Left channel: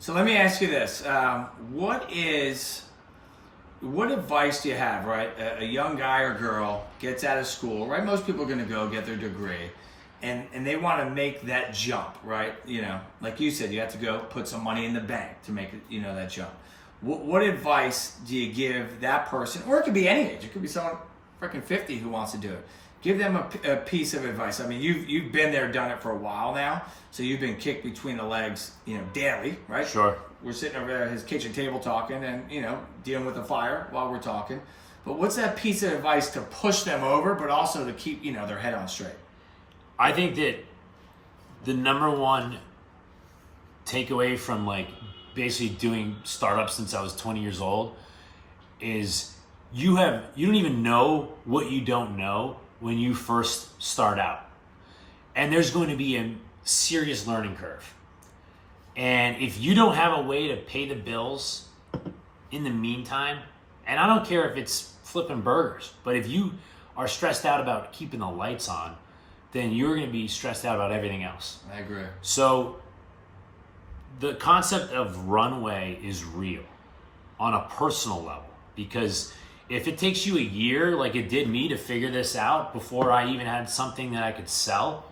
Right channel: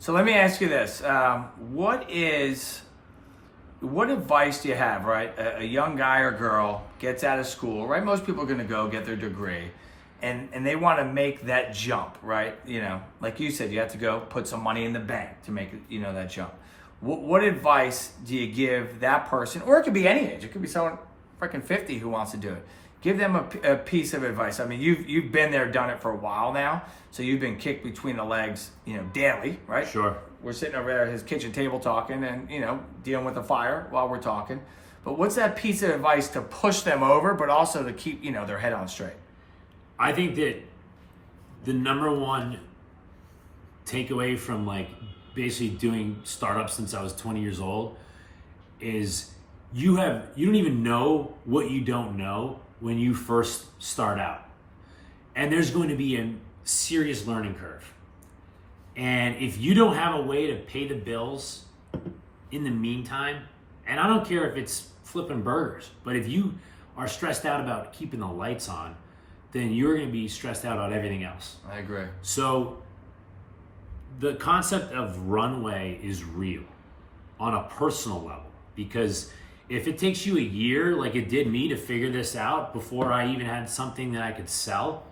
So let me ask you this: what advice do you have? Right, a young guy or girl gets out of school. Right, most people are going to go get their degree, and they want to make that jump. Right, like you said, you have to go put some money in the bank to make that jump. What advice do you give that person, or it could be any age? It could be someone freaking 50 who wants to do it. Give them a piece of advice. I mean, you've been there, done it for a while now, so you've been kicked between the legs, daily, right? Sure. We're sitting over there at his kitchen table talking, and dealing with the fire while we're talking. But what's that piece of advice to push them over, but also to keep their head on straight? I think that the number one takeaway from basically doing startups since I was 20 years old is you don't even know what you don't know when you first start out. And there's going to be a serious learning curve. And if you don't have a way to pay the bills in the meantime, and I don't care if it's flipping burgers, but if you are stressed out about keeping the lights on, then you're going to be stressed out about everything else. I agree. So the concept of runway is real on a personal level, because if it takes you a year, like it did me, to figure this out before I even had something that I could sell,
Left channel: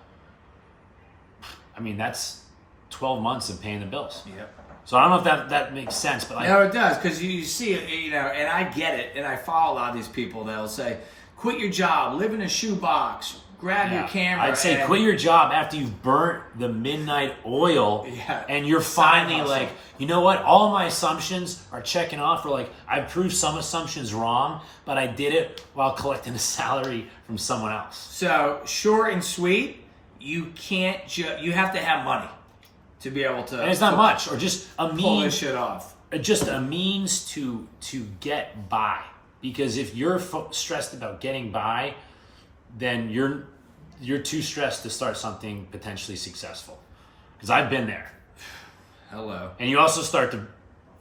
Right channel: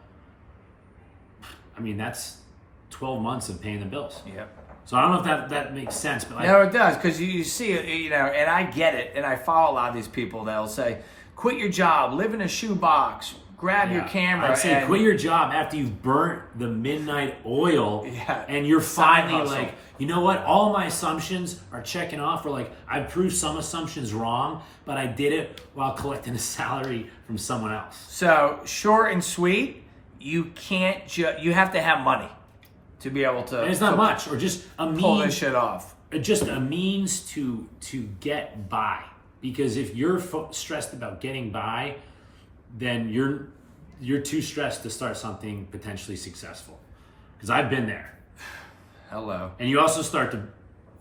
I mean, that's 12 months of paying the bills. Yep. So I don't know if that makes sense, but no, it does, because you see, and I get it, and I follow a lot of these people that'll say, quit your job, live in a shoebox, grab your camera. I'd say quit your job after you've burnt the midnight oil, and you're finally like, you know what? All my assumptions are checking off. Or I've proved some assumptions wrong, but I did it while collecting a salary from someone else. So short and sweet, you can't you have to have money to be able to. And it's not much, or just a means, pull this shit off. Just a means to get by. Because if you're stressed about getting by, then you're too stressed to start something potentially successful. Because I've been there. Hello. And you also start to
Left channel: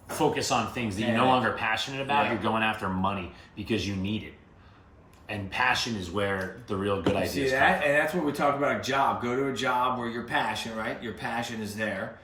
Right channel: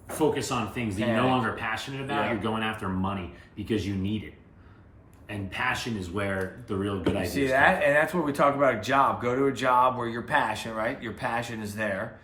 focus on things that you're no longer passionate about. Yeah. You're going after money because you need it. And passion is where the real good ideas see that? And that's what we talk about, a job. Go to a job where your passion, right? Your passion is there.